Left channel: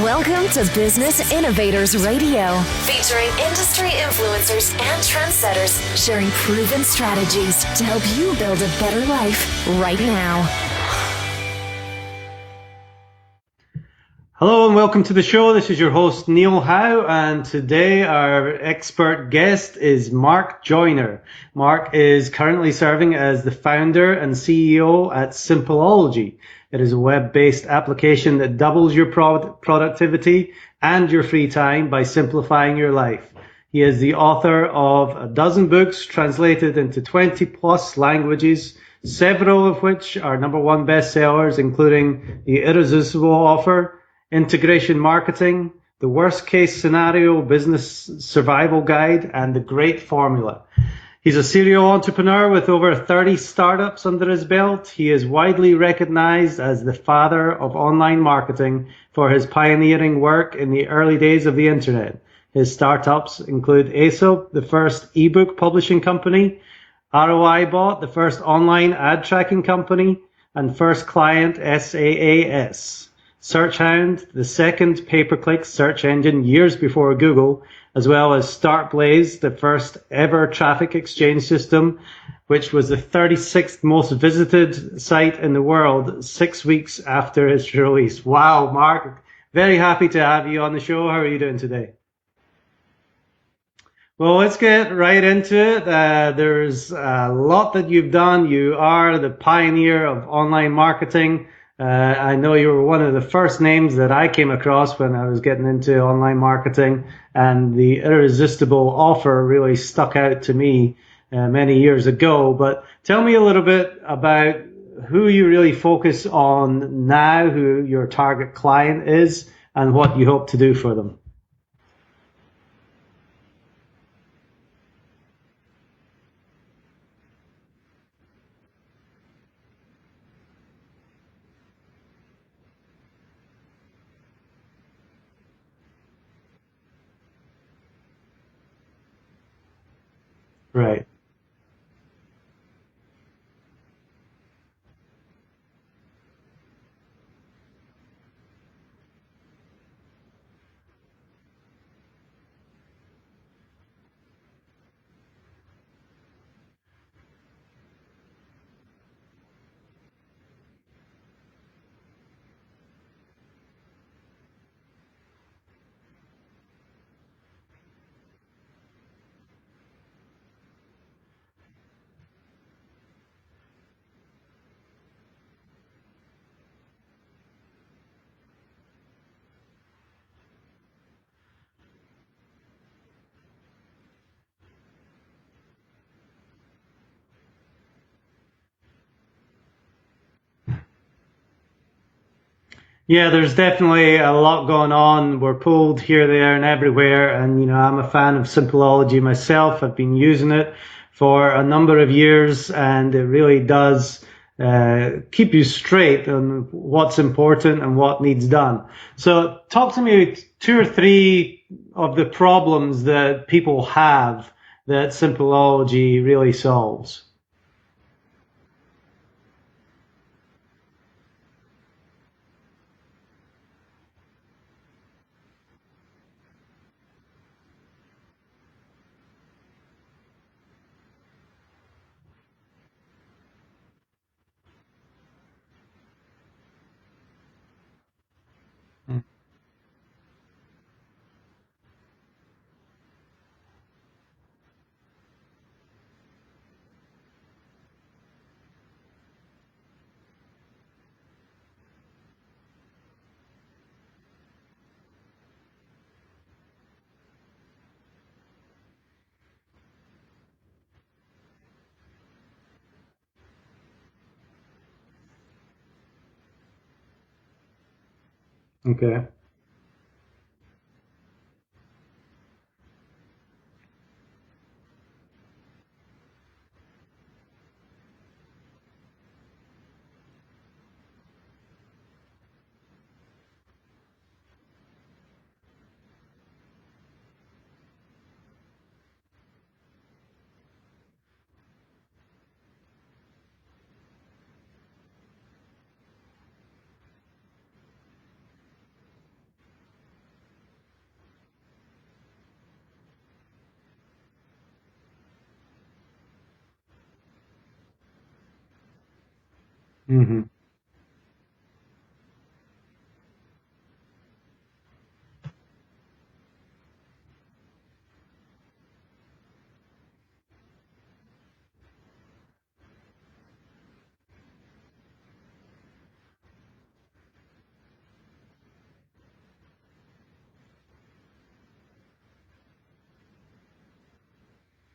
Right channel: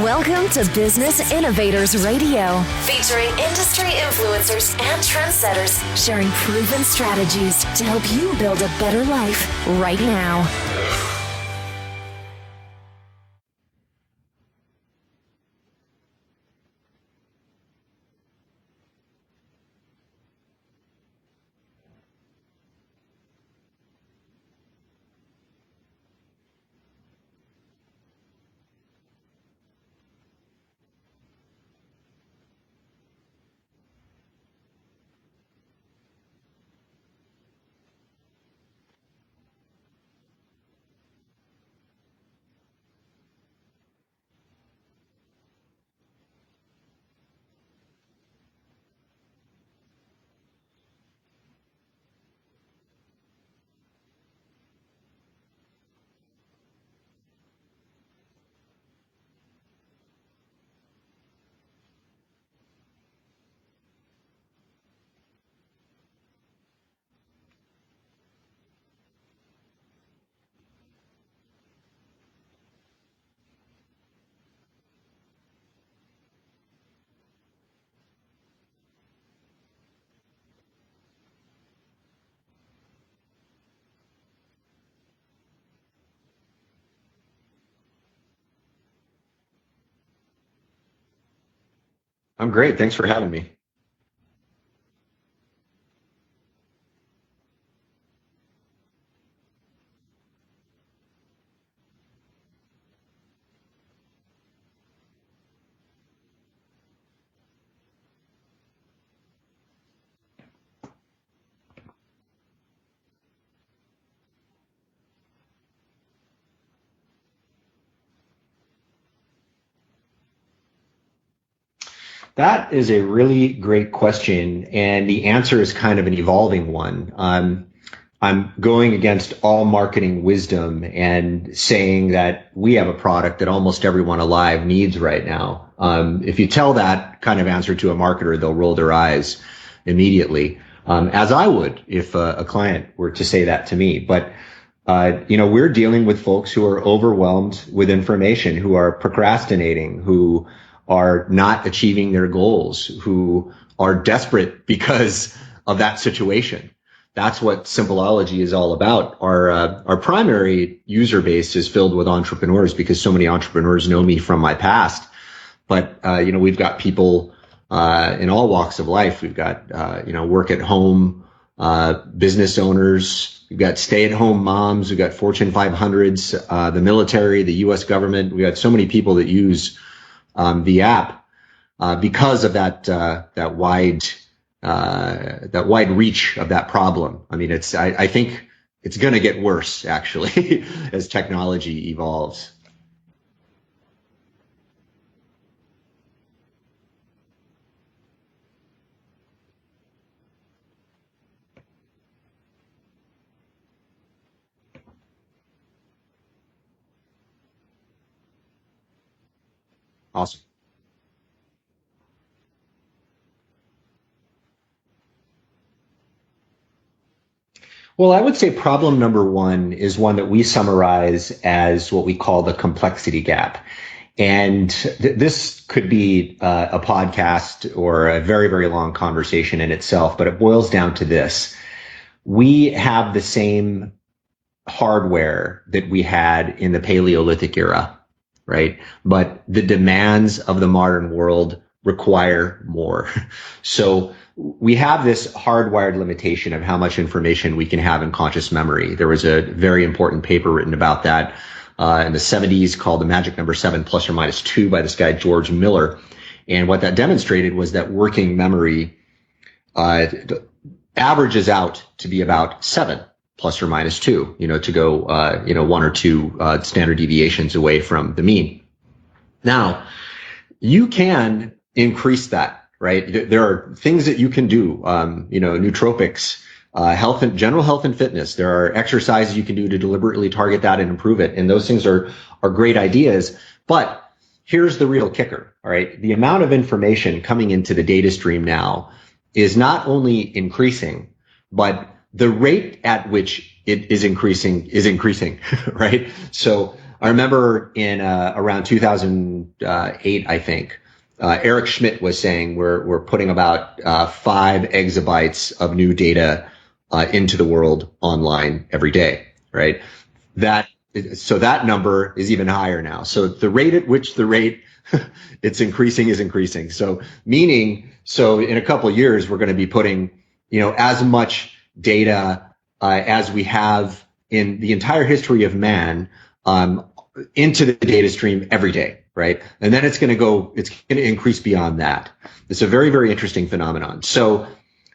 Welcome to Business Innovators Radio, featuring industry influencers and trendsetters sharing proven strategies to help you build a better life right now. Hello and welcome to the show. This is your host, Neil Howe, and today our expert guest is Mark Joyner. Mark is currently serving as the founder and CEO at Simpleology. It is a web-based application that doubles your productivity and your free time by simplifying your life. He is the author of a dozen books translated into 20 plus languages, several of which are #1 bestsellers, including The Irresistible Offer, Integration Marketing, The Worst Case Scenario Business Survival Guide, and The Great Formula. He's a serial entrepreneur with over 30 startups under his belt. He is widely recognized as the father of online marketing for his pioneering work in the early days of the internet. His startups include Aesop, the first ebook publishing company, ROIbot, the first online ad tracking company, and First Client SAAS. SearchHound, the second pay-per-click search engine years before Google, as well as StartBlaze, the first ever traffic exchange system, which was the 36th most visited site in the world 6 weeks after its release. Wow, Mark, very happy to have you on the show. How are you doing today? I'm great. Thanks for having me. Well, let's get right into it. There's a lot that you've done. You are the pioneer of online marketing. I know you were one of the first names that I came across when I was getting into online marketing, and the Irresistible Offer really stuck out to me many years ago. But tell me a little bit about who you really focus on now, who your target client is, and what you hope to do for them. That is a really great question, and the answer is kind of an evolving one. I'm going against all marketing wisdom and saying that we have a product that almost everyone alive needs right now. If you tell that kind of answer to a marketer, they'll roll their eyes immediately, right. As I would if a client were to say that to me. But we're dealing with folks who are overwhelmed with information, who are procrastinating, who are not achieving their goals, who are desperate because of that situation. That's what Simpleology is all about. Our primary user base is filled with entrepreneurs because so many entrepreneurs know me from my past. But, we've got people in all walks of life. We've got, work at home business owners. We've got stay-at-home moms. We've got Fortune 500s, the military, the U.S. government. We've got so many people that use the app because of that wide reach of that problem. I mean, I think it's going to get worse, actually, as technology evolves. Yeah, there's definitely a lot going on. We're pulled here, there, and everywhere. And, I'm a fan of Simpleology myself. I've been using it for a number of years, and it really does keep you straight on what's important and what needs done. So talk to me awesome. 2 or 3 of the problems that people have that Simpleology really solves. Well, I would say problem number 1 is one that we summarize as what we call the complexity gap. And this could be a podcast or a very, very long conversation in itself, but it boils down to this. We have the same hardware that we had in the Paleolithic era, right? But the demands of the modern world require more. So we have this hardwired limitation of how much information we can have in conscious memory. There was a very important paper written about that in the 70s called The Magic Number 7 ± 2 by this guy, George Miller. And what that demonstrated was that working memory averages out to be about 7 ± 2, to go, 1 or 2 standard deviations away from the mean. Okay. Now, you can increase that. Right. There are things that you can do, nootropics, general health and fitness. There are exercises you can do to deliberately target that and improve it. And those things are great ideas. But here's the real kicker. All right. The amount of information coming into the data stream now is not only increasing, but the rate at which it is increasing, right? So I remember in around 2008, I think, Eric Schmidt was saying we're putting about 5 exabytes of new data into the world online every day, right? Mm-hmm. So that number is even higher now. So the rate at which it's increasing is increasing. So in a couple of years, we're going to be putting, as much data as we have in the entire history of man into the data stream every day, right? And then it's going to increase beyond that. It's a very, very interesting phenomenon. So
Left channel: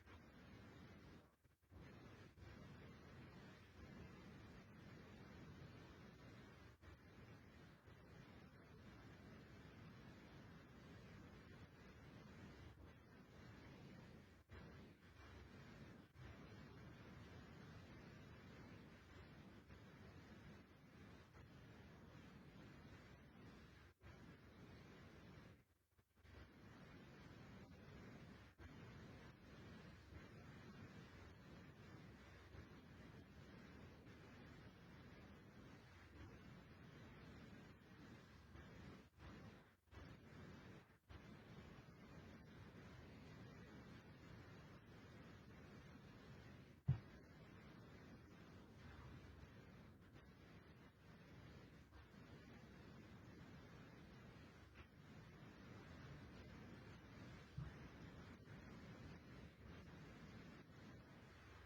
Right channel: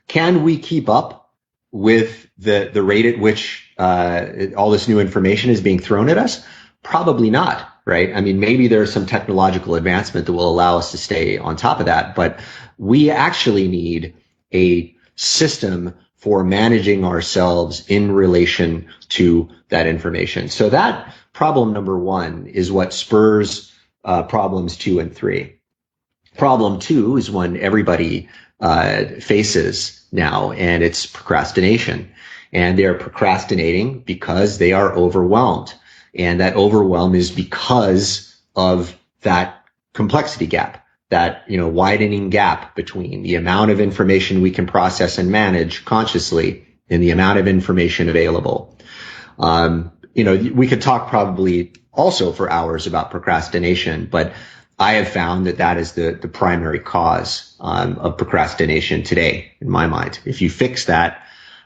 can we keep up with the rate at which all this new information is being thrown at us? Probably not, right? I mean, maybe there's some technological advancement that will allow us to stay on top of that, but we actually need a system for managing ourselves in relation to that information. So that problem number 1 is what spurs problems 2 and 3. Problem 2 is one everybody faces now, and it's procrastination. And they are procrastinating because they are overwhelmed. And that overwhelm is because of that complexity gap, that widening gap between the amount of information we can process and manage consciously and the amount of information available. We could talk probably also for hours about procrastination, but I have found that is the primary cause of procrastination today, in my mind. If you fix that,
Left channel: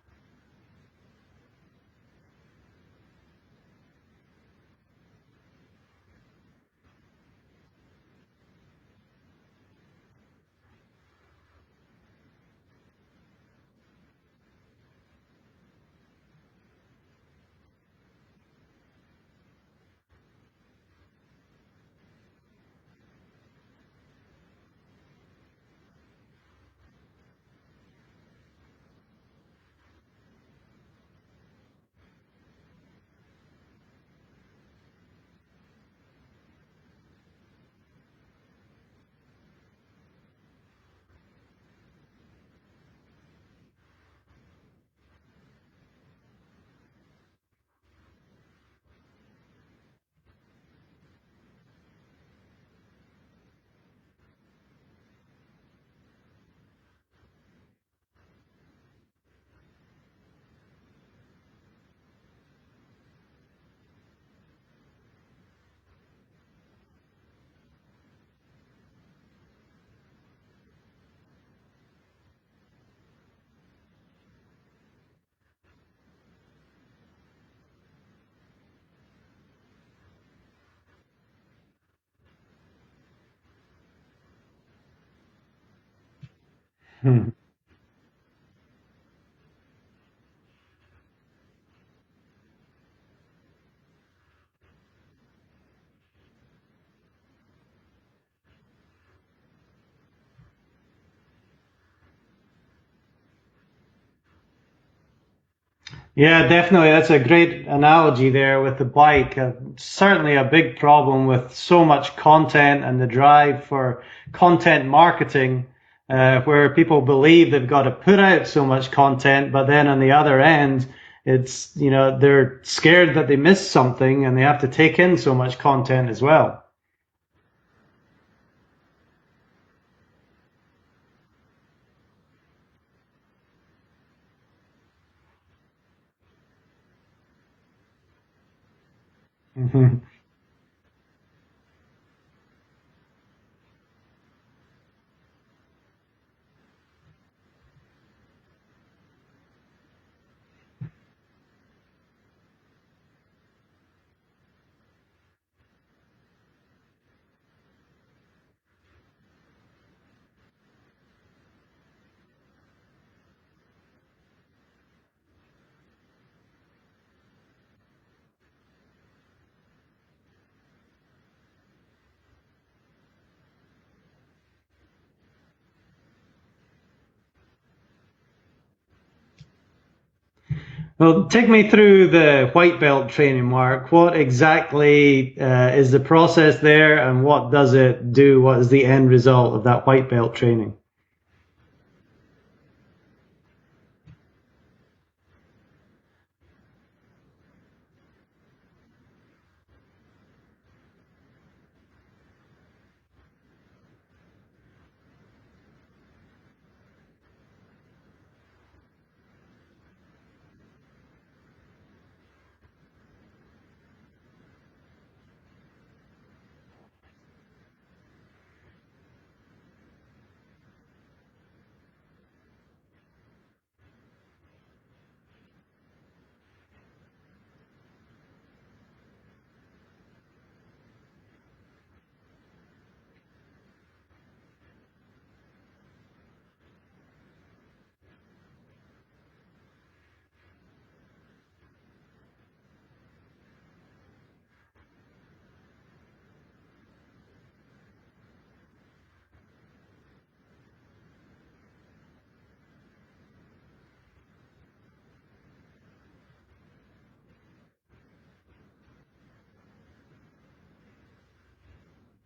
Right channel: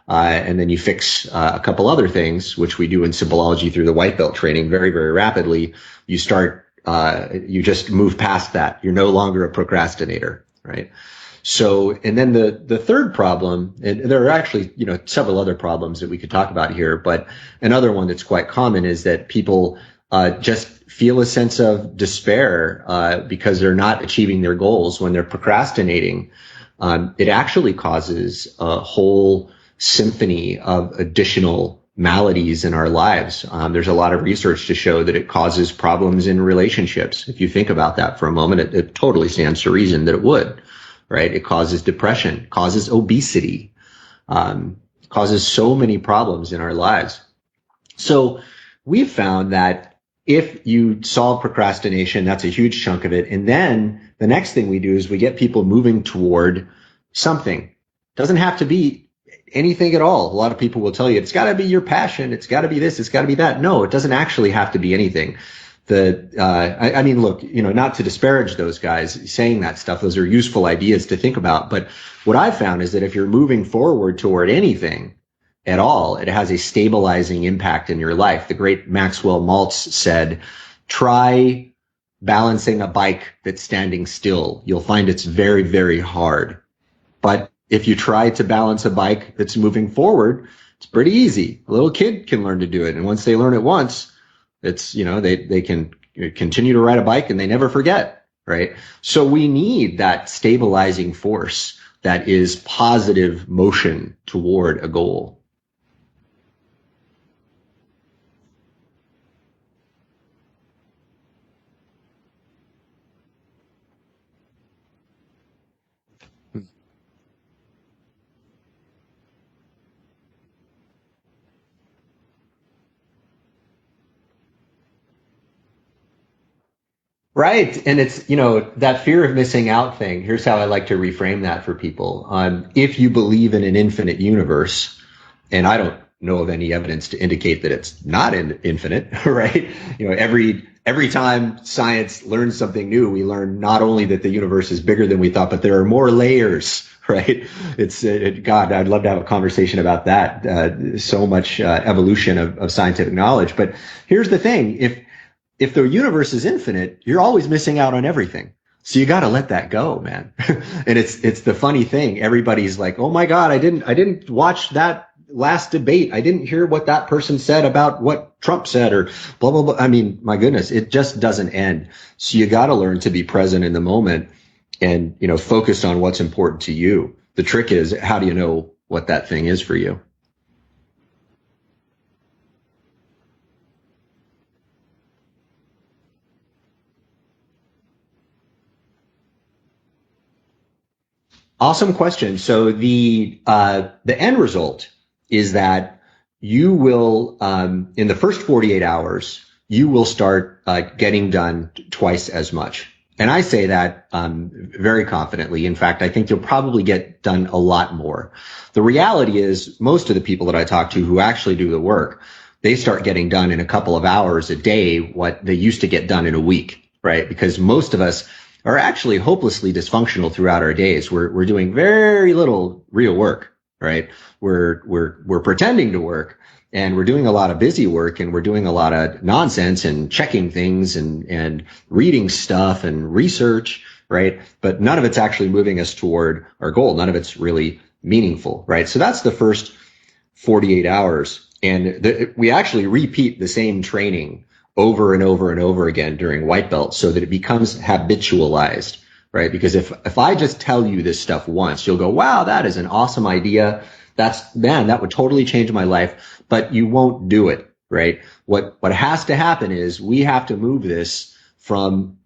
and then you fix a couple other things, which we do in Simpleology through the white belt training very, very rapidly, you just move past that. You're no longer a procrastinator, right? So, and then the third problem, and there are actually, several other problems that we could talk about here, but another one that's quite common is that people just feel a sense of despair because they're not achieving their goals when they're procrastinating. It actually causes a whole symphony of additional maladies in our lives. There's a lot of research to show that it causes problems in relationships. If you think about that for a moment, it totally stands to reason that it would, right? It causes depression, causes obesity, causes so many problems in our lives. So we've found that if you solve procrastination, that's a huge chunk of it. And then the next thing we do is we get people moving toward something. It doesn't have to be anything at all. A lot of people will tell you it's got to be your passion, it's got to be this, it's got to be that. No, it doesn't actually have to be anything. I mean, look, not to disparage those guys saying that stuff, those are useful ideas to think about. But what I've found is that if you're moving forward toward anything at all, it has a stabilizing impact in your life. The great Maxwell Maltz said, try balancing a bike that's standing still. You'll find it's very, very hard. But if you try to balance a bike that's moving forward, it's pretty easy. A little kid can learn to do it. And once they learn it once, it's, they can continue to ride a bike and they never forget, right? So we need that stabilizing force that is positive motion toward a goal. Yeah, definitely. That's a great analogy there with the bike. Certainly a big problem with so much content and the drive for content marketing, where people believe they've got to put out so much content, but then on the other end, it's, they're scared that they miss something and they have to take in so much content as well. Right. And it's, that fear of missing out thing. Here's how I like to reframe that for people. If you believe in an infinite universe, and I don't know of any evidence to indicate that it's not infinite, right? Every time science learns something new, we learn not only that the universe is bigger than we thought, but there are more layers, right? God, I'd love to have a conversation about that. So much evolution of scientific knowledge. But here's the thing: if the universe is infinite, you're always missing out on everything. So you got to let that go, man. And it's the funny thing. Everybody's like, "Oh my God, I didn't watch that last debate. I didn't hear what that person said about what Trump said," or blah, blah, blah. I mean, my goodness, it just doesn't end. So you got to learn to be present in the moment and, focus on what's important to you. The trick is, how do you know what that thing is for you? Well, take me through the white belt training, Mark. What exactly is the process there, and what does it do? What is the end result of that white belt training? Awesome question. So the end result is that you will, in the first 48 hours, you will start getting done twice as much. And I say that very confidently. In fact, I think you'll probably get done a lot more. The reality is most of the people that I talk to who actually do the work, they start getting done in a couple of hours a day what they used to get done in a week, right? Because most of us are actually hopelessly dysfunctional throughout our days. We're doing very little real work, right? We're pretending to work, and we're doing a lot of busy work, and we're doing a lot of nonsense and checking things and reading stuff and research, right? But none of it's actually moving us toward our goal. None of it's really meaningful, right? So that's the first 48 hours. And we actually repeat the same training over and over and over again during white belt so that it becomes habitualized, right? Because if I just tell you this stuff once, you'll go, wow, that is an awesome idea. That would totally change my life, but you won't do it, right? What has to happen is we have to move this from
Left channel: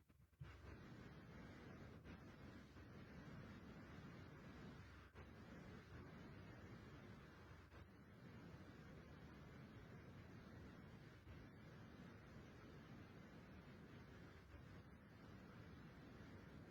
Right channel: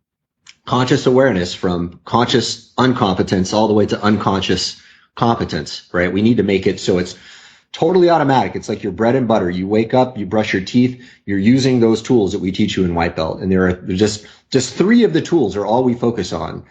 conscious awareness, from conscious incompetence all the way to unconscious competence, right? We need to make it so it's totally automatic. It's like your bread and butter. You wake up, you brush your teeth, you're using those tools that we teach you in white belt. And there are just 3 of the tools are all we focus on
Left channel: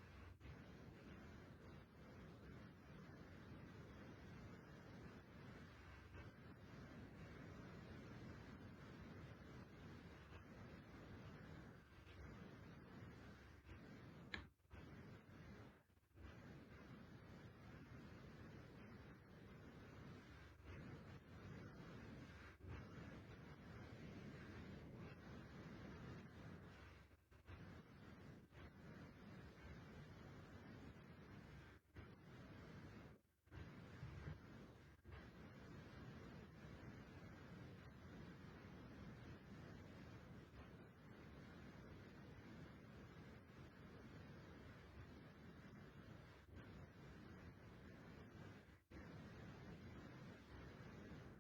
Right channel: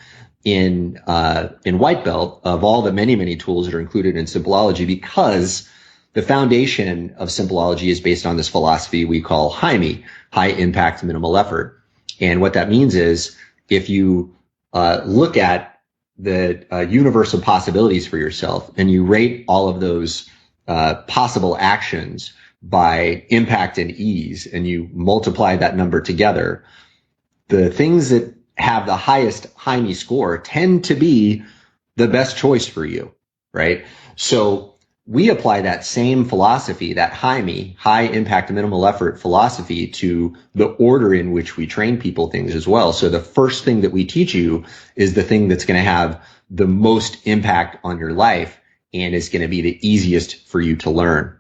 in white belt of all the many, many tools that are included in Simpleology, because the foundation of Simpleology is based on this philosophy we call HIME, high impact, minimal effort. And what that means is if you look at the universe of possibilities for yourself and you rate all of those possible actions by impact and ease, and you multiply that number together, the things that have the highest HIME score tend to be the best choice for you, right? So we apply that same philosophy, that HIME, high impact, minimal effort philosophy, to the order in which we train people things as well. So the first thing that we teach you is the thing that's going to have the most impact on your life and is going to be the easiest for you to learn.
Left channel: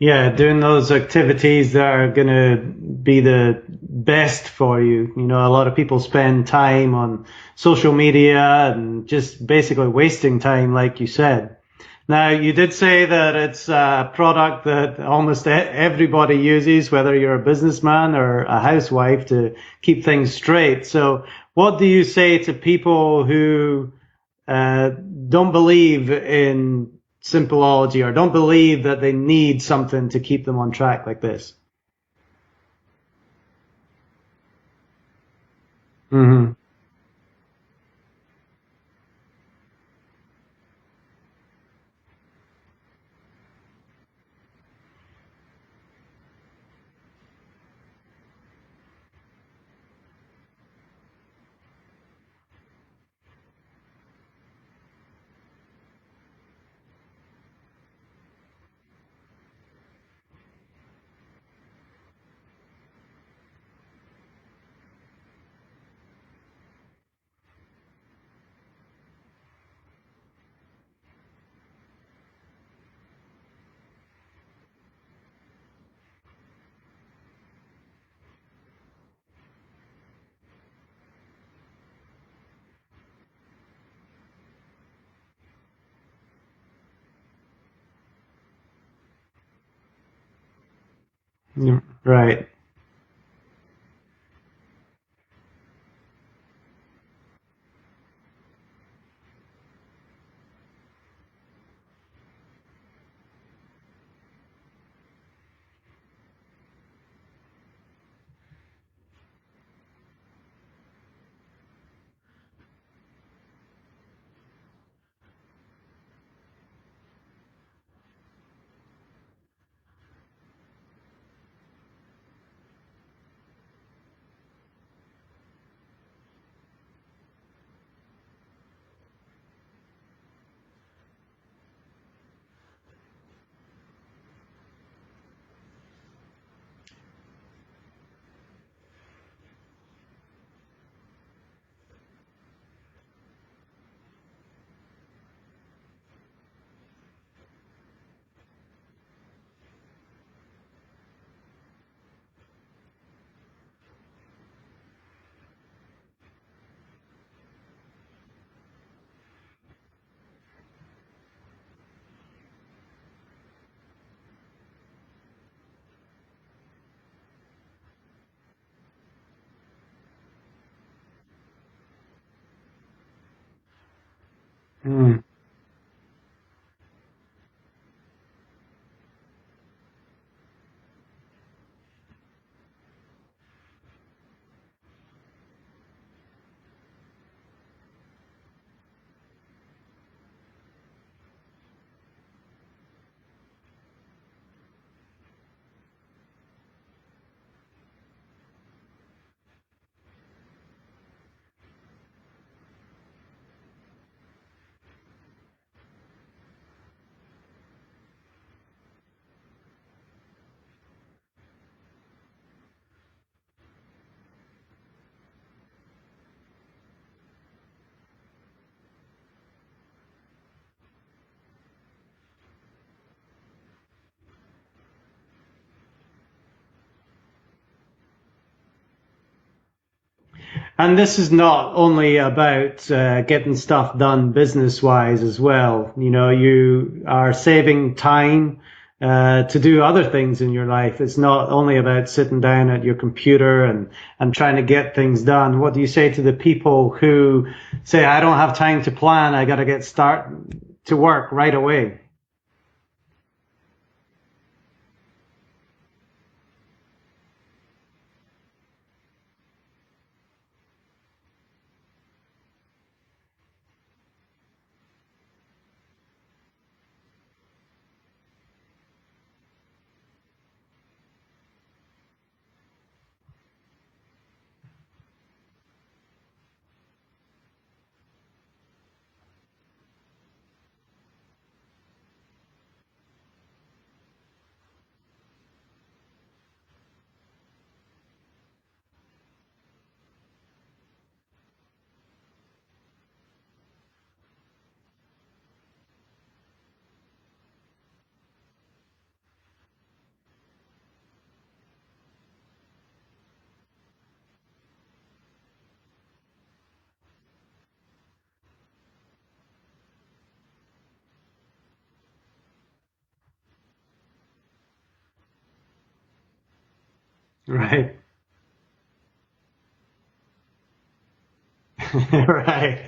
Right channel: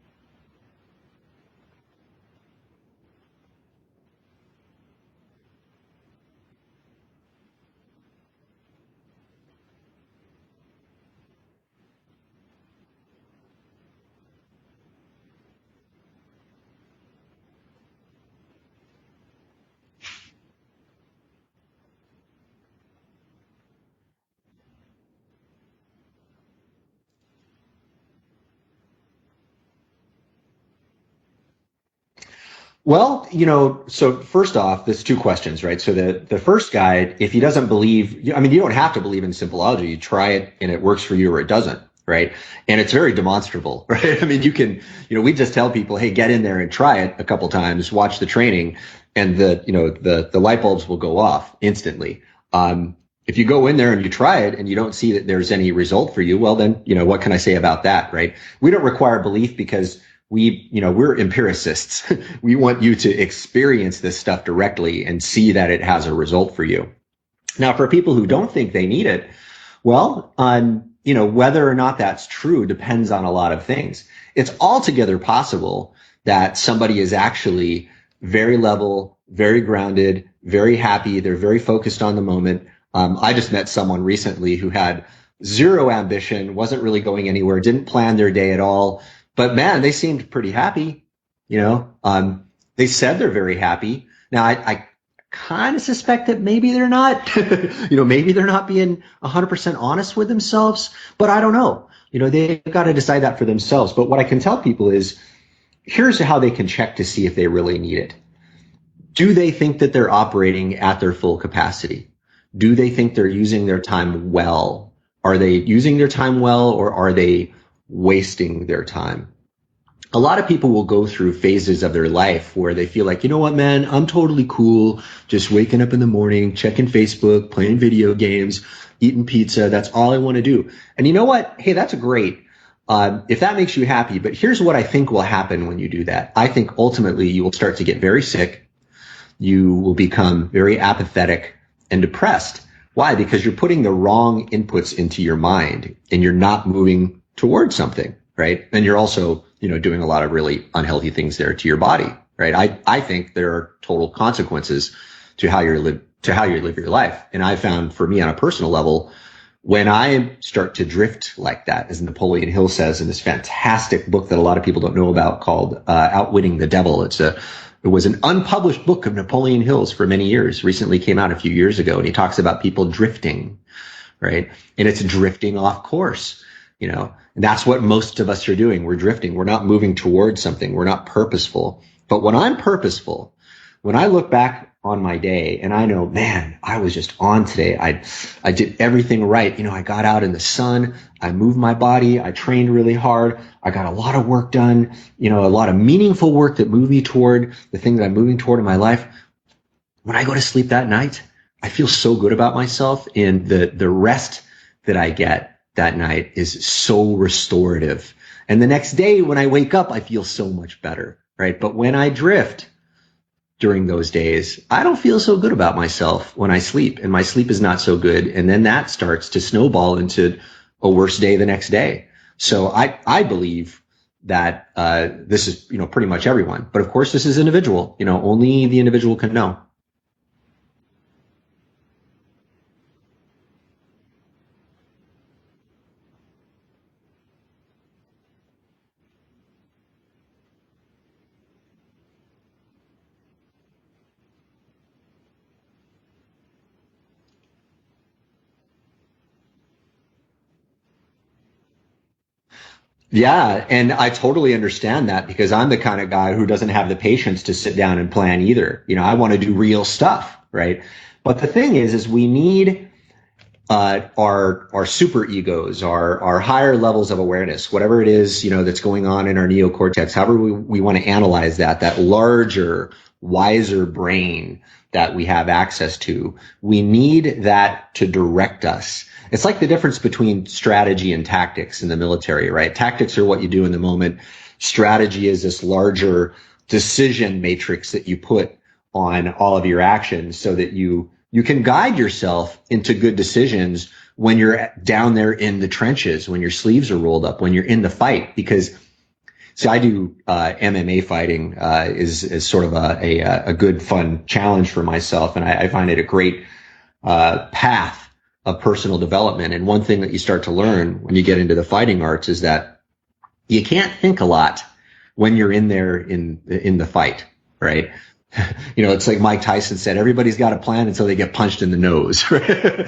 Yeah, doing those activities that are going to be the best for you. You know, a lot of people spend time on social media and just basically wasting time, like you said. Now, you did say that it's a product that almost everybody uses, whether you're a businessman or a housewife, to keep things straight. So what do you say to people who don't believe in Simpleology or don't believe that they need something to keep them on track like this? Well, so first off, there's 2 questions, right? So the first guide, if he doesn't believe, I mean, you don't have to believe in Simpleology. You try it and it works for you or it doesn't, right? And it's very demonstrable, right? I mean, you can, we just tell people, hey, get in there and try it a couple times, watch the training, and the light bulbs will go off instantly. If you go in there and you try it and you don't see that there's any result for you, well, then, what can I say about that, right? We don't require belief because we're empiricists. We want you to experience this stuff directly and see that it has a result for you. Now, for people who don't think they need it, well, whether or not that's true depends on a lot of things. It's altogether possible that somebody is actually very level, very grounded, very happy. They're very focused on the moment. I just met someone recently who had zero ambition, wasn't really going anywhere, didn't plan their day at all. But man, they seemed pretty happy, Right. They said they're very happy. Now, I kind of suspect that maybe they're not, maybe they're not being 100% honest with themselves, but I don't know. They've got to decide that for themselves. But what I can tell people is, here's how they can check to see if they really need it. Do they think that they're operating at their full capacity? Do they think they're using their time well? Are they using their time well, or are they wasting their time? A lot of people will go through phases of their life where they feel like, you know what, man, I'm totally cool, just waking up in the morning, checking Facebook, playing video games, eating pizza. That's all I want to do. And you know what? Hey, that's great. If that makes you happy. But here's what I think will happen when you do that. I think ultimately you will start to get very sick. You will become very apathetic and depressed. Why? Because you're putting the wrong inputs into your mind and you're not moving towards something, right? And you're also, doing a lot of really unhealthy things there to your body, right? I think there are total consequences to how you live your life. And I found, for me on a personal level, when I start to drift like that, as Napoleon Hill says in this fantastic book that a lot of people don't know about called Outwitting the Devil. It's a It was an unpublished book of Napoleon Hill's for many years, recently came out a few years ago. And he talks about people drifting, right? And it's drifting off course, and that's what most of us are doing. We're drifting. We're not moving towards something. We're not purposeful. But when I'm purposeful, when I look back on my day and I know, man, I was just on today. I did everything right. I got out in the sun. I moved my body. I trained really hard. I got a lot of work done, a lot of meaningful work that moved me toward the thing that I'm moving toward in my life. When I go to sleep that night, I feel so good about myself, and the rest that I get that night is so restorative. And the next day when I wake up, I feel so much better, right? But when I drift during those days, I don't feel so good about myself when I sleep, and my sleep is not so good. And then that starts to snowball into a worse day the next day. So I believe that this is, pretty much everyone. But of course, this is individual. Only the individual can know. And this is not only about getting stuff done business-wise as well. You are saving time to do other things in your life. It's not only about sitting down at your computer and trying to get things done. What do you say to the people who say, I don't have time to plan, I got to get to work right away? Yeah, and I totally understand that, because I'm the kind of guy who doesn't have the patience to sit down and plan either. I want to do real stuff, right? But the thing is we need our super egos, our higher levels of awareness, whatever it is, that's going on in our neocortex, however we want to analyze that larger, wiser brain that we have access to. We need that to direct us. It's like the difference between strategy and tactics in the military, right? Tactics are what you do in the moment. Strategy is this larger decision matrix that you put on all of your actions so that you can guide yourself into good decisions when you're down there in the trenches, when your sleeves are rolled up, when you're in the fight. Because, see, I do MMA fighting is sort of a good, fun challenge for myself. And I find it a great path of personal development. And one thing that you start to learn when you get into the fighting arts is that you can't think a lot when you're in there in the fight, right? It's like Mike Tyson said, everybody's got a plan until they get punched in the nose. Right.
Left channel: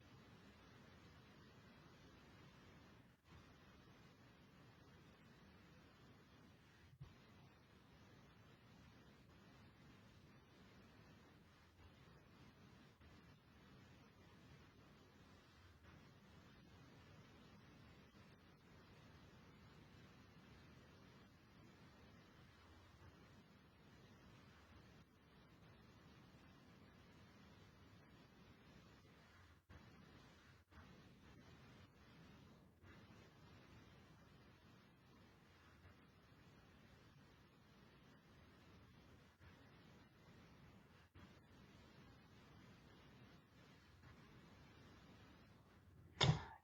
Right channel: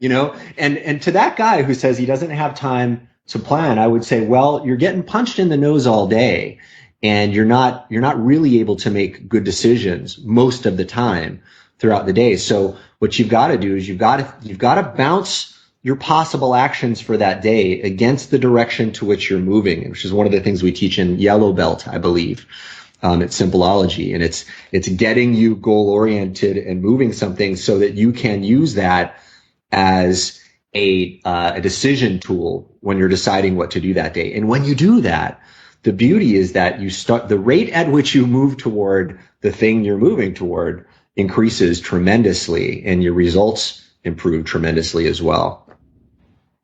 Yeah. And to that guy who says he doesn't have time to plan, I would say, well, you're getting punched in the nose all day, and you're not really able to make good decisions most of the time throughout the day. So what you've got to do is you've got to bounce your possible actions for that day against the direction to which you're moving, which is one of the things we teach in Yellow Belt, I believe. It's Simpleology, and it's getting you goal oriented and moving something so that you can use that as a decision tool when you're deciding what to do that day. And when you do that, the beauty is that you start the rate at which you move toward the thing you're moving toward increases tremendously, and your results improve tremendously as well.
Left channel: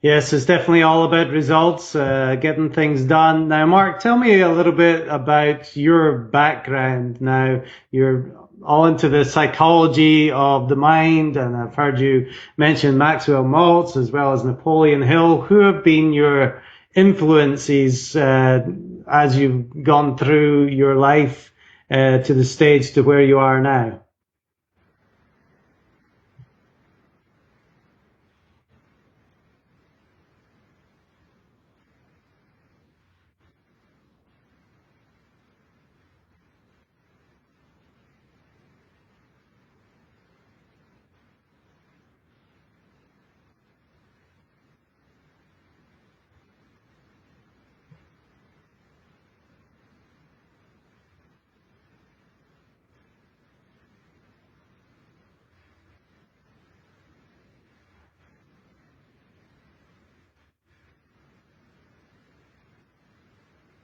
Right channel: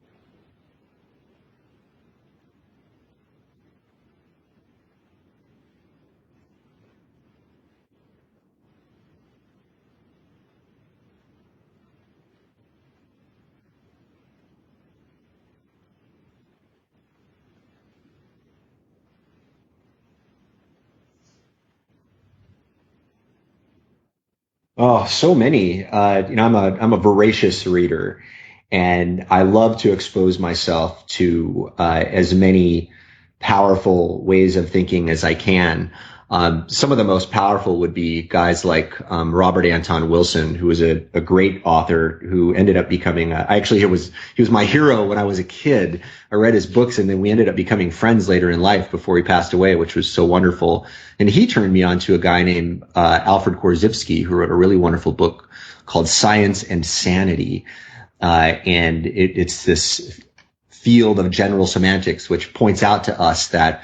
Yes, it's definitely all about results, getting things done. Now, Mark, tell me a little bit about your background. Now, you're all into the psychology of the mind, and I've heard you mention Maxwell Maltz as well as Napoleon Hill. Who have been your influences as you've gone through your life to the stage to where you are now? Oh, so many. I'm a voracious reader, and I love to expose myself to as many powerful ways of thinking as I can. Some of the most powerful would be guys like Robert Anton Wilson, who was a great author who ended up becoming he was my hero when I was a kid. I read his books, and then we ended up becoming friends later in life before he passed away, which was so wonderful. And he turned me on to a guy named Alfred Korzybski, who wrote a really wonderful book called Science and Sanity. And it's this field of general semantics, which points out to us that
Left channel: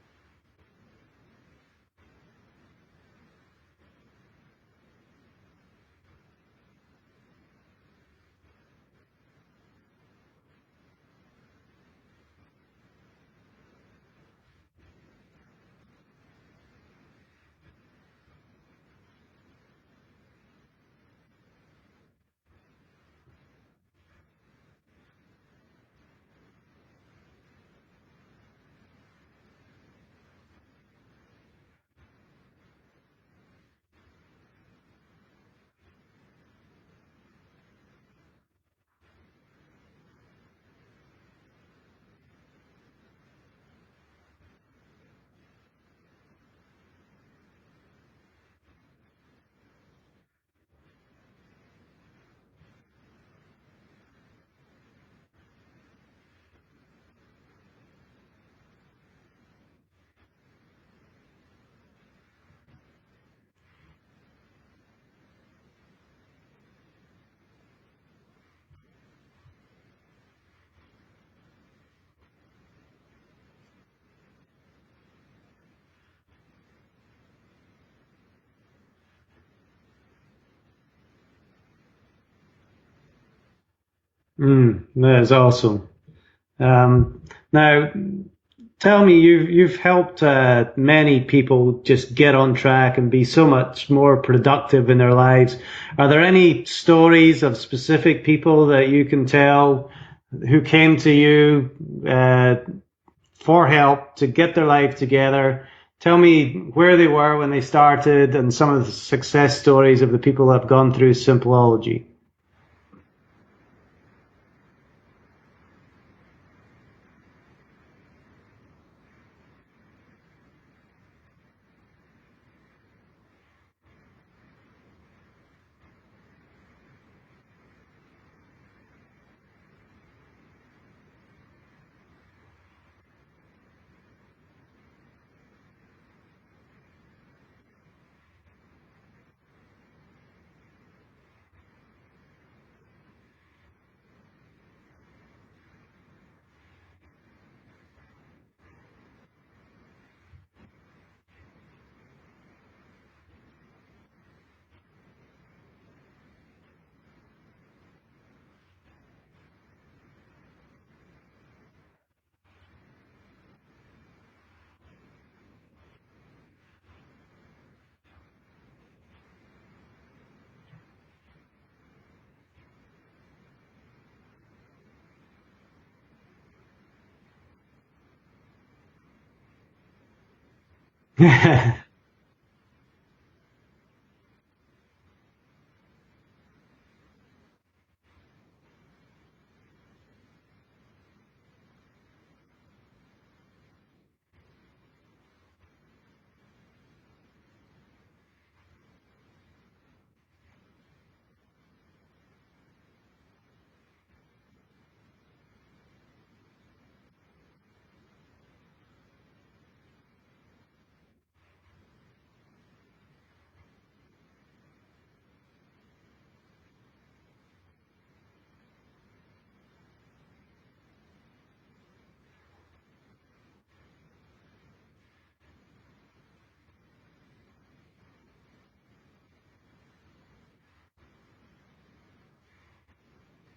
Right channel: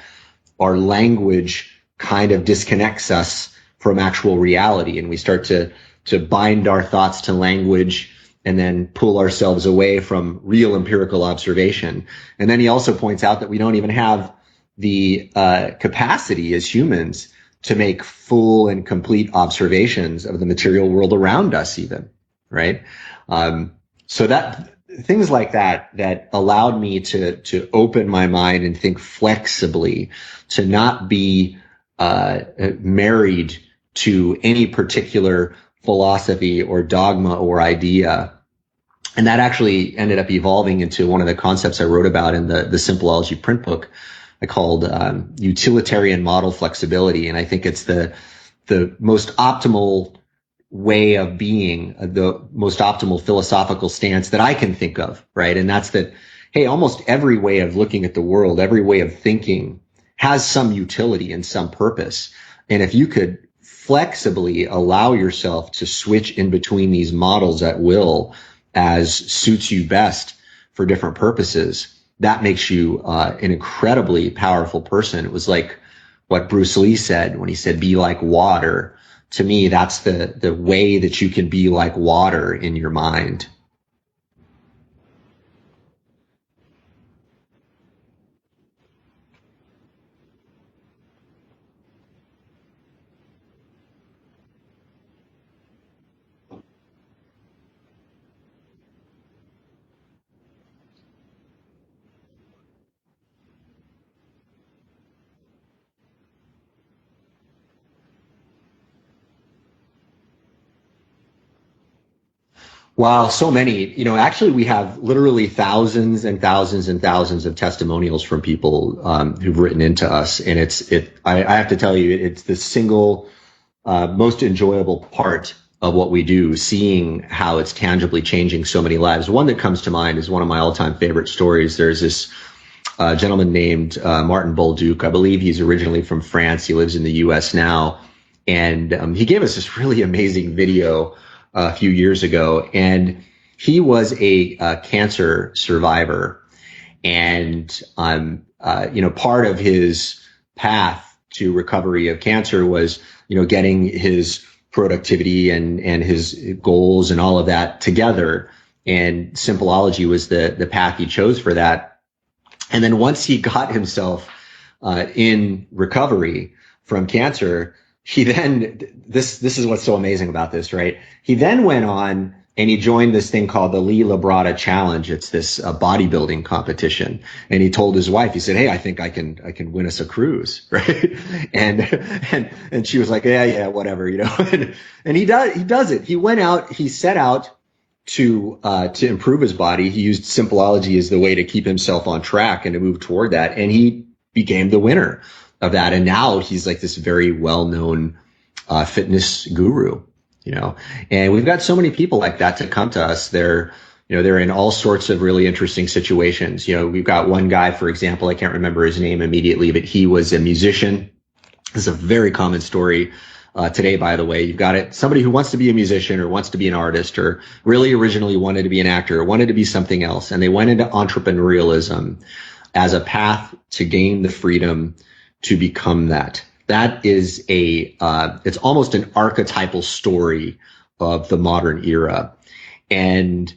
our language kind of disconnects us from actual reality, and we start to bind our thoughts to language and then pull ourselves away from real empirical observation. And then he also points out that we don't even have the capacity as humans to make full and complete observations of the material world around us even, right? So that things like that allowed me to open my mind and think flexibly, to not be married to any particular philosophy or dogma or idea. And that actually ended up evolving into one of the concepts I wrote about in the Simpleology print book I called utilitarian model flexibility. And I think it's the most optimal way of being, the most optimal philosophical stance that I can think of, right? And that's that, hey, almost every way of looking at the world, every way of thinking has some utility and some purpose. And if you could flexibly allow yourself to switch in between these models at will as suits you best for different purposes, that makes you an incredibly powerful person. It was like what Bruce Lee said when he said, be like water. To me, that's the way that you can be like water in your mind. That is awesome. Now, tell me, you've helped many people just get on track and be so much more productive in their lives. Are there any stories of specific people that you can tell who came to you for help to get their life together? Tell me where they were when they started and some of the success stories of the people that have gone through Simpleology. Wow, so many. Actually, we have literally thousands and thousands and thousands of testimonials from people who've written into us. And I have to tell you, it's the single most enjoyable part of what we do, seeing how it's tangibly changing so many lives. One that comes to mind is one of my all-time favorite stories. There's this gentleman named Martin Bolduc. I believe he's originally from France. He lives in the US now. And he gave us this really amazing video a few years ago. And he was a cancer survivor. And, part of his path to recovery of cancer was, getting his productivity and his goals and all of that together. And Simpleology was the path he chose for that. And then once he got himself in recovery from cancer, he then, this is what's so amazing about this, right? He then went on and he joined this thing called the Lee Labrada Challenge. It's this bodybuilding competition. And he told his wife, he said, hey, I think I can win us a cruise, right? and she was like, yeah, whatever, and he does it. He went out, he set out to improve his body. He used Simpleology as the way to keep himself on track and to move toward that. And he became the winner of that. And now he's like this very well-known fitness guru, and we've got so many people like that to come to us. They're in all sorts of really interesting situations. We've got one guy, for example, I can't remember his name immediately, but he was a musician. This is a very common story today, by the way. You've got it. Somebody who wants to be a musician or wants to be an artist or really originally wanted to be an actor or wanted to be something else. And they went into entrepreneurialism as a path to gain the freedom to become that. That is it's almost an archetypal story of the modern era. And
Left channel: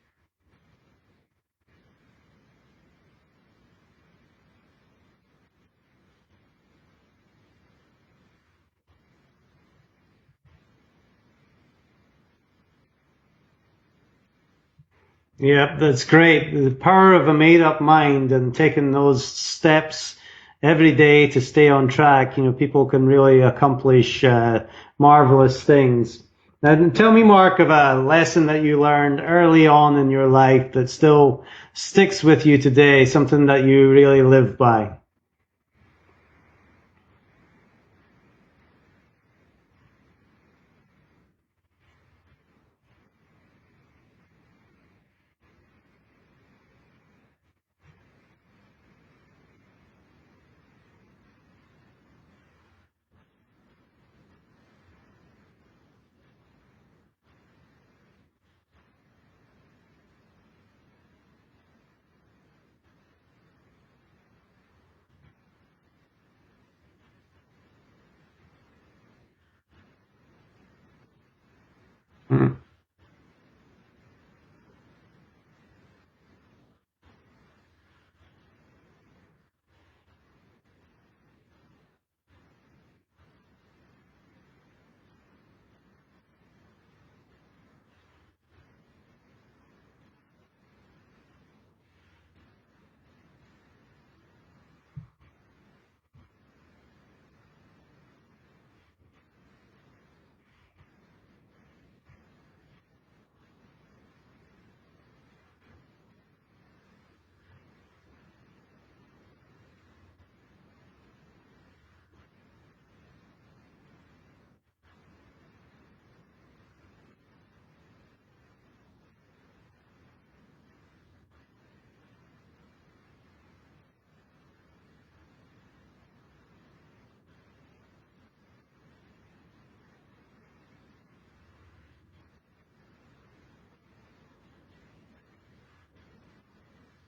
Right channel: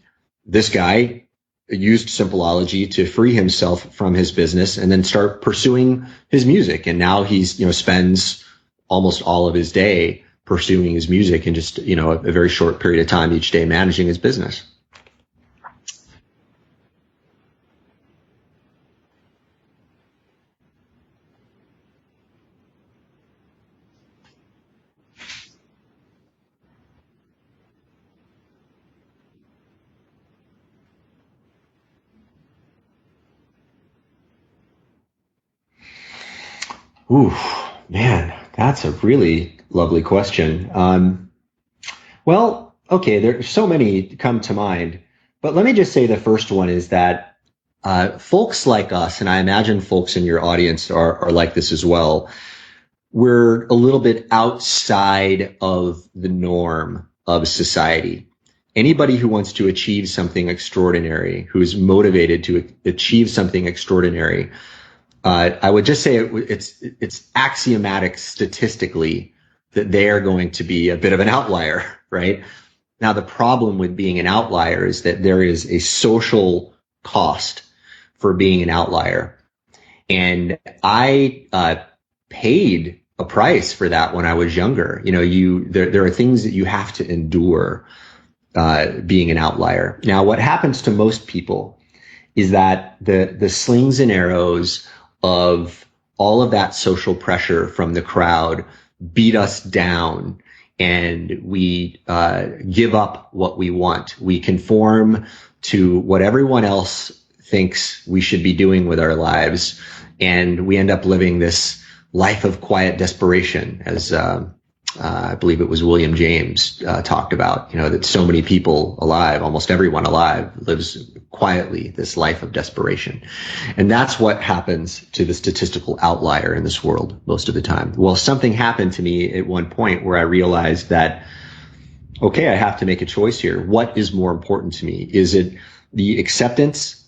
this guy used Simpleology to free himself from his business and then start pursuing his music. And now he's, spends almost all of his day pursuing his music and just, a very short period of time each day managing his business. Yeah, that's great. The power of a made-up mind and taking those steps every day to stay on track. People can really accomplish marvelous things. Now, tell me, Mark, of a lesson that you learned early on in your life that still sticks with you today, something that you really live by. Ooh, man, that's a really lovely question. Well, okay, there's so many come to mind, but let me just say the first one is that folks like us, and I imagine folks in your audience are like this as well, we're a little bit outside of the norm of society. Anybody who wants to achieve something extraordinary, who's motivated to achieve something extraordinary, I would just say it's axiomatic statistically that they are going to be a bit of an outlier, right? Mm-hmm. Now, the problem with being an outlier is that there is a social cost for being an outlier. And I paid a price for that when I was younger. There are things that you have to endure being an outlier. Now, what happens to most people is that the slings and arrows of all of that social pressure from the crowd beat us down, and we give up what we want. We conform to what everyone else thinks we should be doing with our lives, and we end up living this life of quiet desperation, as I believe it was William James talked about, that so many people alive, almost everyone alive, lives quietly this life of desperation. And that's what happens to the statistical outlier in this world most of the time. Well, something happened to me at one point where I realized that, okay, I have to make a choice here. What is more important to me? Is it the acceptance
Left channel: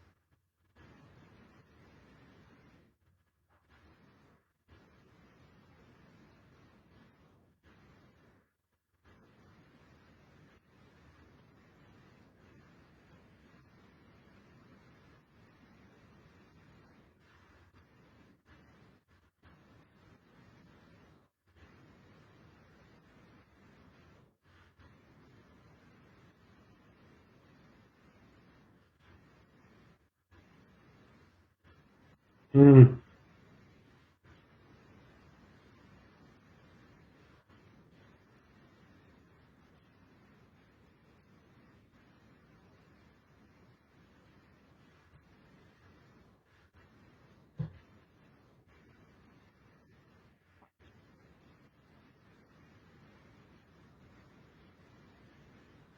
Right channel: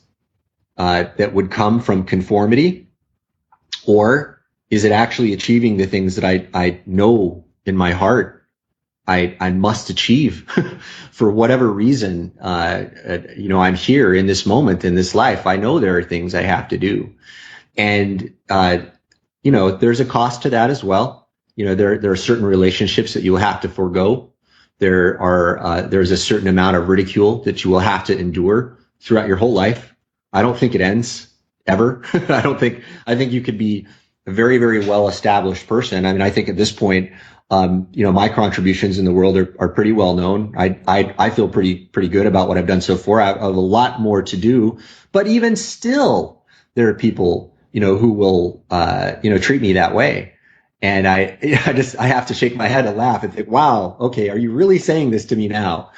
that would come from conformity, or is it actually achieving the things that I know in my heart I must achieve for whatever reason? I'm here in this moment in this life. I know there are things I have to do, and there's a cost to that as well. There are certain relationships that you will have to forego. There's a certain amount of ridicule that you will have to endure throughout your whole life. I don't think it ends ever. I think you could be a very, very well established person. I mean, I think at this point, my contributions in the world are pretty well known. I feel pretty good about what I've done so far. I have a lot more to do, but even still, there are people, who will, treat me that way. And I have to shake my head and laugh and think, wow, okay, are you really saying this to me now?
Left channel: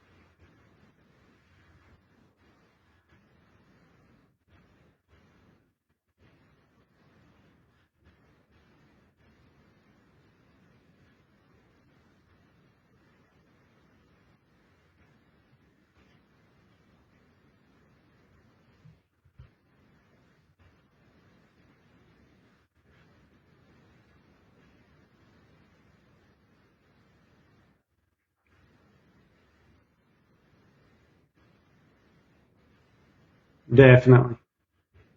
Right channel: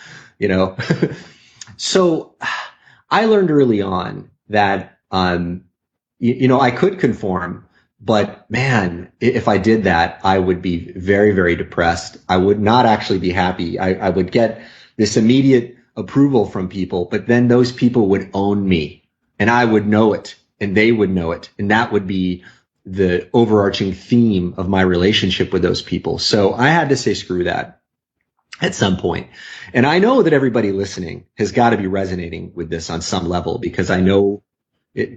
So I learned early on that, I could conform. But man, if I did that, I would be very, very depressed. I would not actually be happy. I would get this immediate approval from people, but then those people would own me, and I would know it, and they would know it. And that would be the overarching theme of my relationship with those people. So I had to say, screw that at some point. And I know that everybody listening has got to be resonating with this on some level, because I know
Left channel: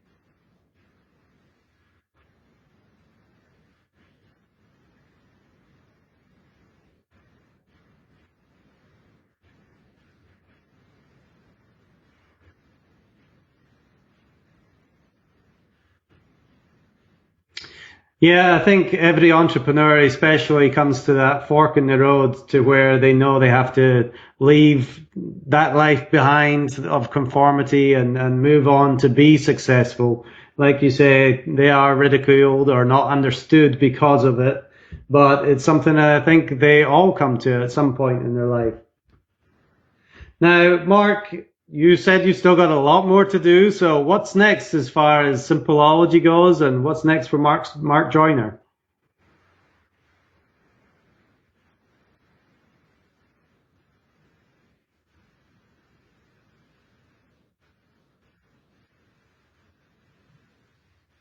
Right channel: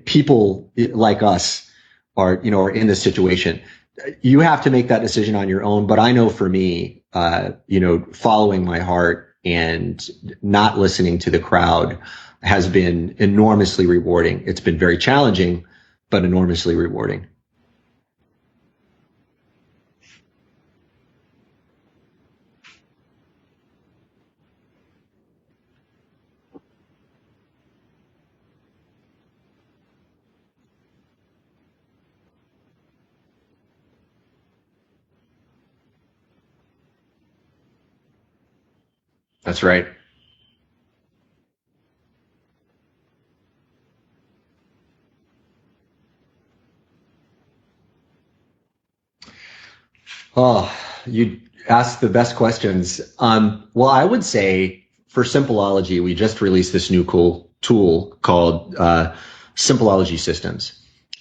people like us are in this situation. You have to make that decision on your own. But I know for me, following my heart and not listening to the crowd has been enormously rewarding. It's been very challenging, but enormously rewarding. Yeah, I think every entrepreneur especially comes to that fork in the road to where they know they have to leave that life behind of conformity and move on to be successful. Like you say, they are ridiculed or not understood because of it, but it's something that I think they all come to at some point in their life. That's right. Now, Mark, you said you still got a lot more to do. So what's next as far as Simpleology goes, and what's next for Mark Joyner? Oh, you asked the best questions. Well, I would say for Simpleology, we just released this new cool tool called Simpleology Systems.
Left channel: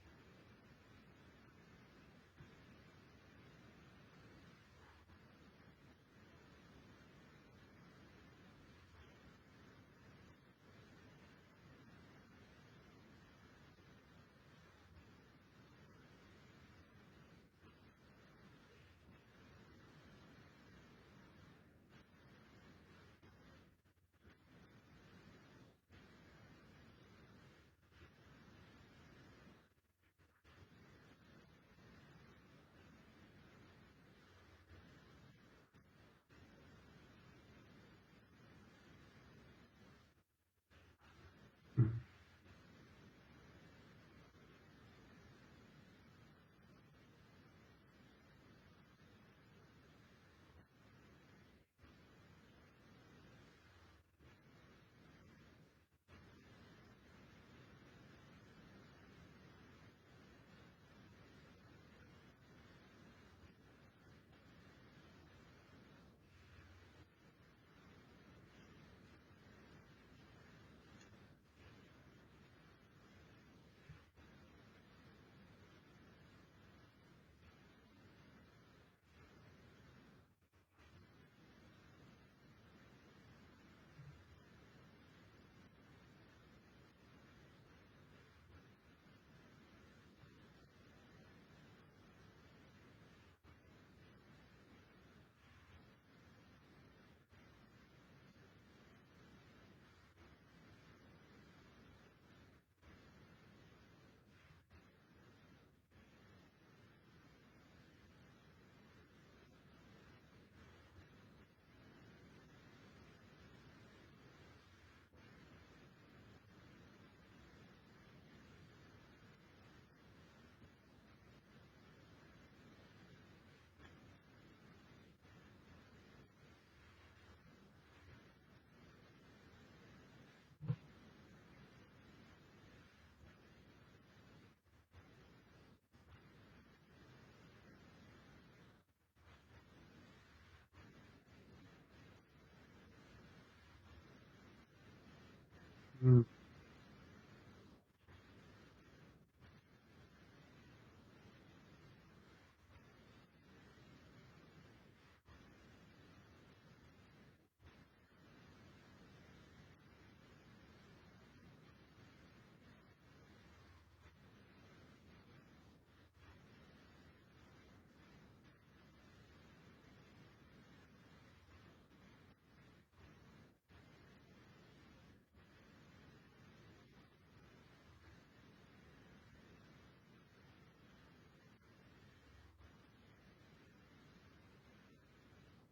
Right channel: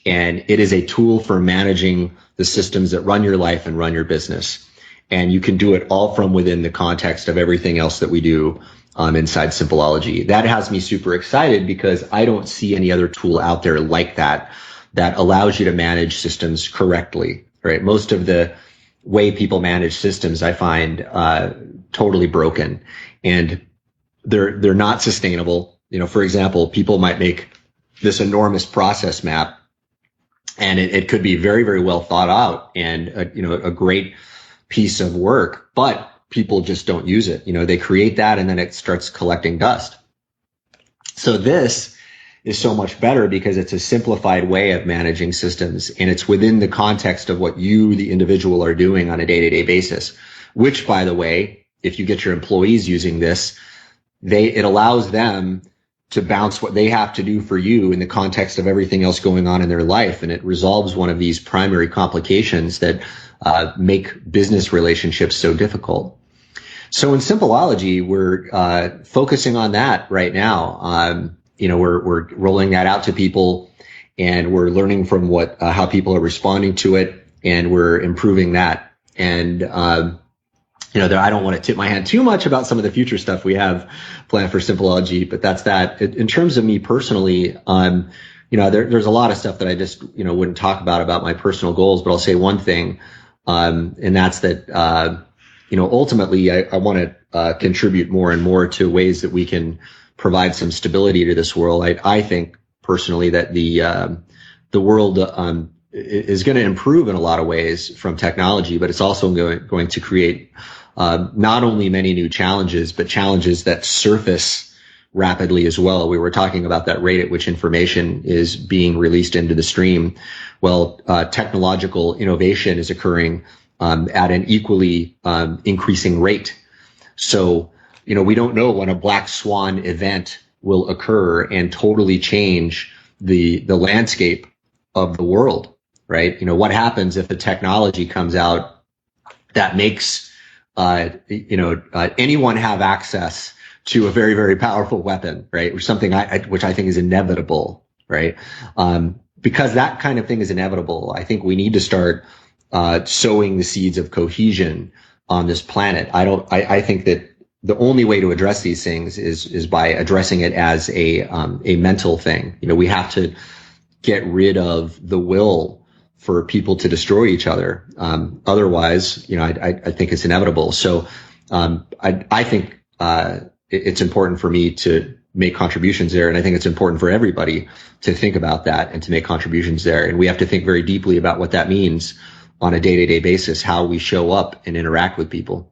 And it is a tool for managing the systems that run your life and run your business. And you can do it all from within the context of everything else that we do inside Simpleology. That has me super excited because I don't see any other tool out there like that allows you to manage systems correctly, right? Most of the way people manage systems, I find totally broken, and they're not sustainable. For example, people might make this enormous process map, and it could be very, very well thought out and a great piece of work, but people just don't use it. They create that and then it starts collecting dust. So this is so much better because it's a simplified way of managing systems, and it's within the context of what you, the individual, are doing on a day-to-day basis, which, by the way, if you get your employees using this, it allows them to bounce what they have to do for you in the context of everything else going on in their life. And it resolves one of these primary complications that make business relationships so difficult. So in Simpleology, we're focusing on that right now. We're rolling that out to people, and we're learning from how people are responding to it, and we're improving that. And I don't want to tip my hand too much about some of the future stuff we have planned for Simpleology, but that's that. In terms of me personally, there's a lot of stuff that I just, wouldn't talk about my personal goals, but I'll say one thing, and that's that, ultimately I want to contribute more and more to ways that we can provide some stability to this world. I think personally that the world is going to improve in a lot of ways from technology, but it's also going to create not only many new challenges, but challenges that surface rapidly as well. We were talking about that rate at which information is being released into the stream. Well, technological innovation is occurring at an equally increasing rate. So, we don't know when a black swan event will occur and totally change the landscape of the world, right? What happens if the technology comes out that makes anyone have access to a very, very powerful weapon, right? Or something which I think is inevitable, right? Because that kind of thing is inevitable. I think we need to start sowing the seeds of cohesion on this planet. I think that the only way to address these things is by addressing it as a mental thing. We have to get rid of the will for people to destroy each other. Otherwise, I think it's inevitable. So I think it's important for me to make contributions there. And I think it's important for everybody to think about that and to make contributions there. And we have to think very deeply about what that means on a day-to-day basis, how we show up and interact with people.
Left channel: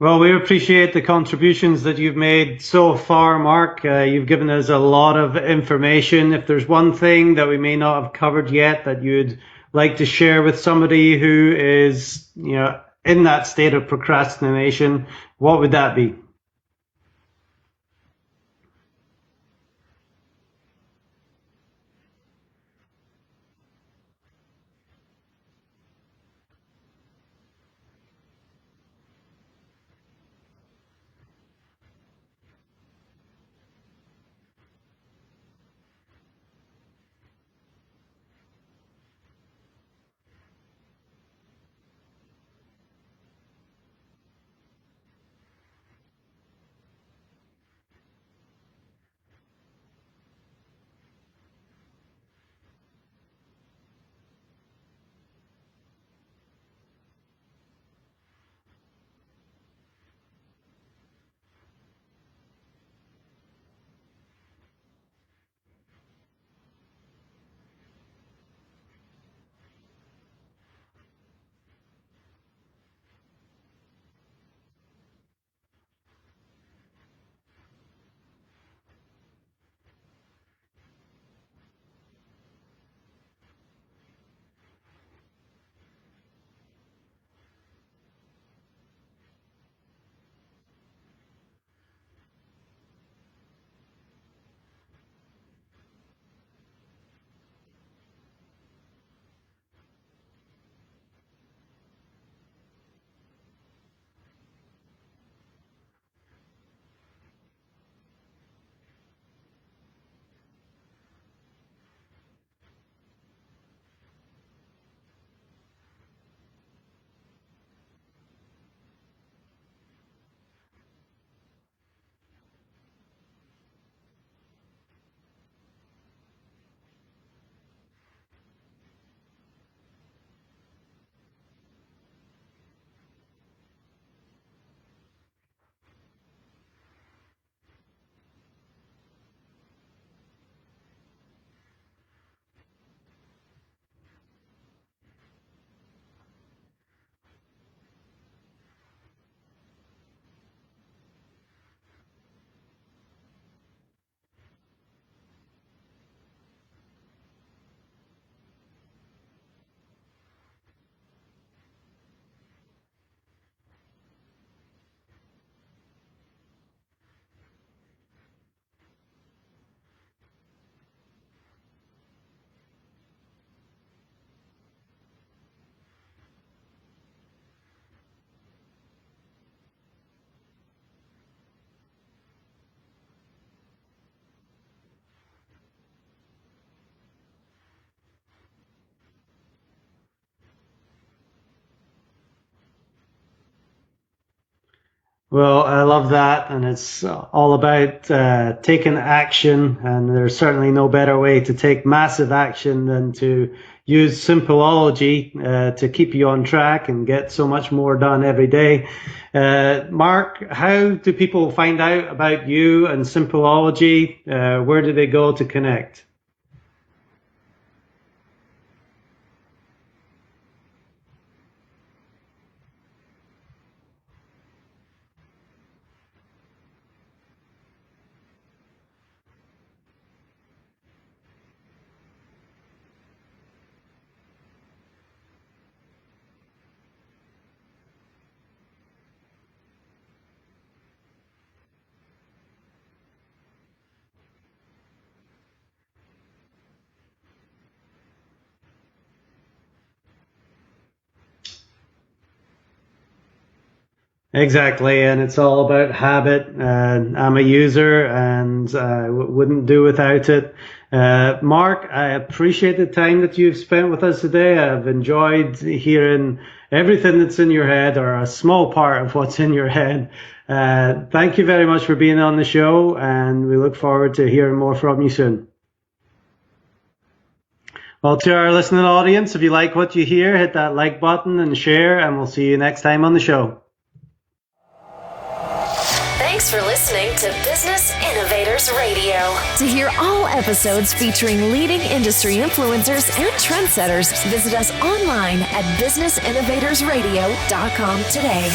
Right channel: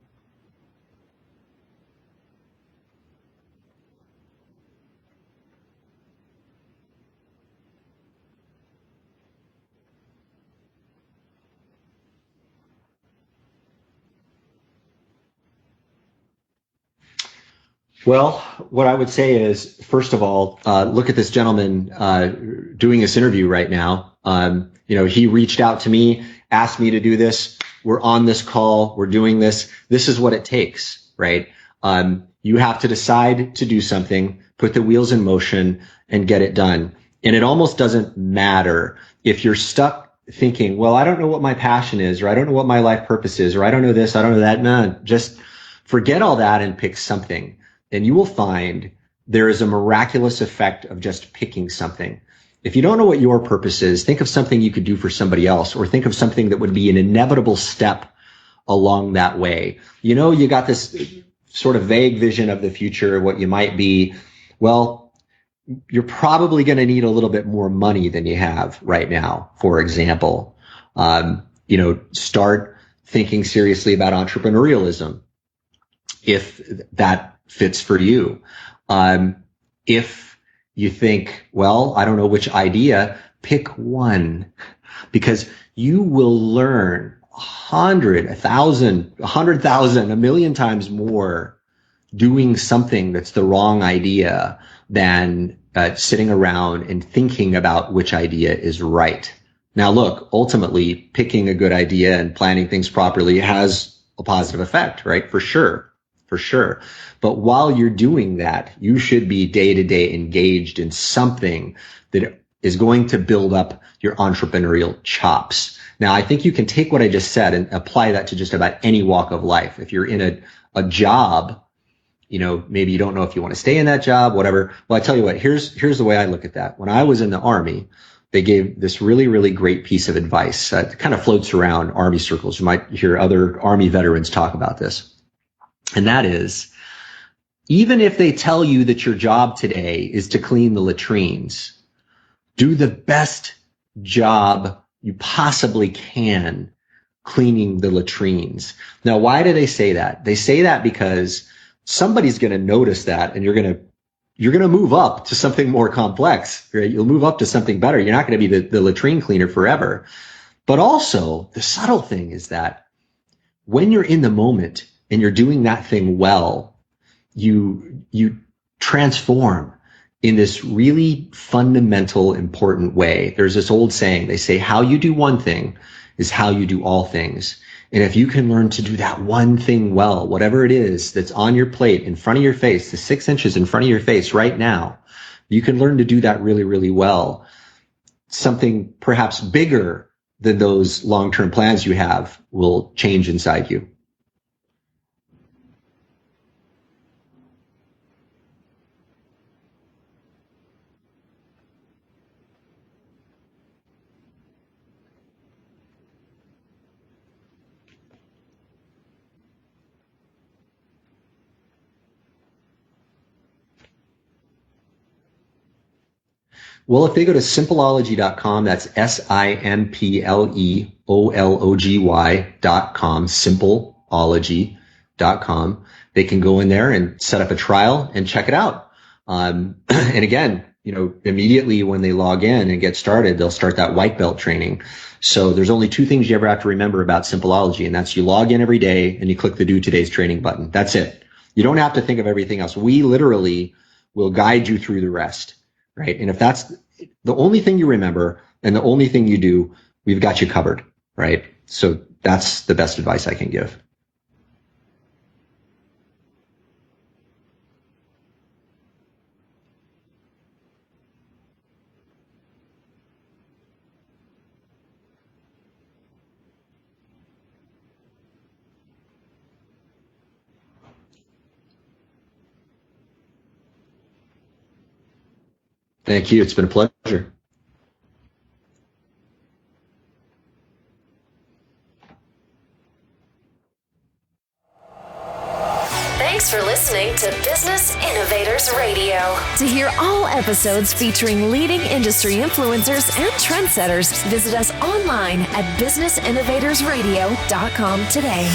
Well, we appreciate the contributions that you've made so far, Mark. You've given us a lot of information. If there's one thing that we may not have covered yet that you'd like to share with somebody who is, in that state of procrastination, what would that be? Well, what I would say is, first of all, look at this gentleman doing this interview right now. He reached out to me, asked me to do this. We're on this call. We're doing this. This is what it takes, right? You have to decide to do something, put the wheels in motion, and get it done. And it almost doesn't matter if you're stuck thinking, well, I don't know what my passion is, or I don't know what my life purpose is, or I don't know this, I don't know that. No, just forget all that and pick something. And you will find there is a miraculous effect of just picking something. If you don't know what your purpose is, think of something you could do for somebody else, or think of something that would be an inevitable step along that way. You got this sort of vague vision of the future, what you might be. Well, you're probably going to need a little bit more money than you have right now, for example. Start thinking seriously about entrepreneurialism, if that fits for you. If you think, well, I don't know which idea, pick one, because you will learn 100, 1,000, 100,000, a million times more doing something that's the wrong idea than sitting around and thinking about which idea is right. Now, look, ultimately, picking a good idea and planning things properly has a positive effect, right? For sure. But while you're doing that, you should be day-to-day engaged in something that is going to build up your entrepreneurial chops. Now, I think you can take what I just said and apply that to just about any walk of life. If you're in a job, maybe you don't know if you want to stay in that job, whatever. Well, I tell you what, here's the way I look at that. When I was in the Army, they gave this really, really great piece of advice. It kind of floats around Army circles. You might hear other Army veterans talk about this. And that is, even if they tell you that your job today is to clean the latrines, do the best job you possibly can cleaning the latrines. Now, why do they say that? They say that because somebody's going to notice that, and you're going to move up to something more complex, right? You'll move up to something better. You're not going to be the latrine cleaner forever. But also, the subtle thing is that when you're in the moment and you're doing that thing well, you transform in this really fundamental, important way. There's this old saying, they say, how you do one thing is how you do all things. And if you can learn to do that one thing well, whatever it is that's on your plate, in front of your face, the 6 inches in front of your face right now, you can learn to do that really, really well. Something perhaps bigger than those long-term plans you have will change inside you. Well, I love that, and it's all about taking action, and there's certainly no better way to take massive action than to use Simpleology to keep you on track and get so much more done every day. Mark, how do people find out about you and Simpleology? Where do they go to connect? Well, if they go to simpleology.com, that's simpleology.com, simpleology.com, they can go in there and set up a trial and check it out. And again, immediately when they log in and get started, they'll start that white belt training. So there's only two things you ever have to remember about Simpleology, and that's you log in every day and you click the Do Today's Training button. That's it. You don't have to think of everything else. We literally will guide you through the rest, right? And if that's the only thing you remember and the only thing you do, we've got you covered, right? So that's the best advice I can give. Exactly, and it's all about habit. I'm a user and I wouldn't do without it. Mark, I appreciate the time that you've spent with us today. I've enjoyed hearing everything that's in your head, or a small part of what's in your head. Thank you very much for being on the show, and we look forward to hearing more from you soon. Thank you. It's been a pleasure. Well, to our listening audience, if you like what you hear, hit that like button and share, and we'll see you next time on the show. Thanks for listening to Business Innovators Radio. To hear all episodes featuring leading industry influencers and trendsetters, visit us online at businessinnovatorsradio.com today.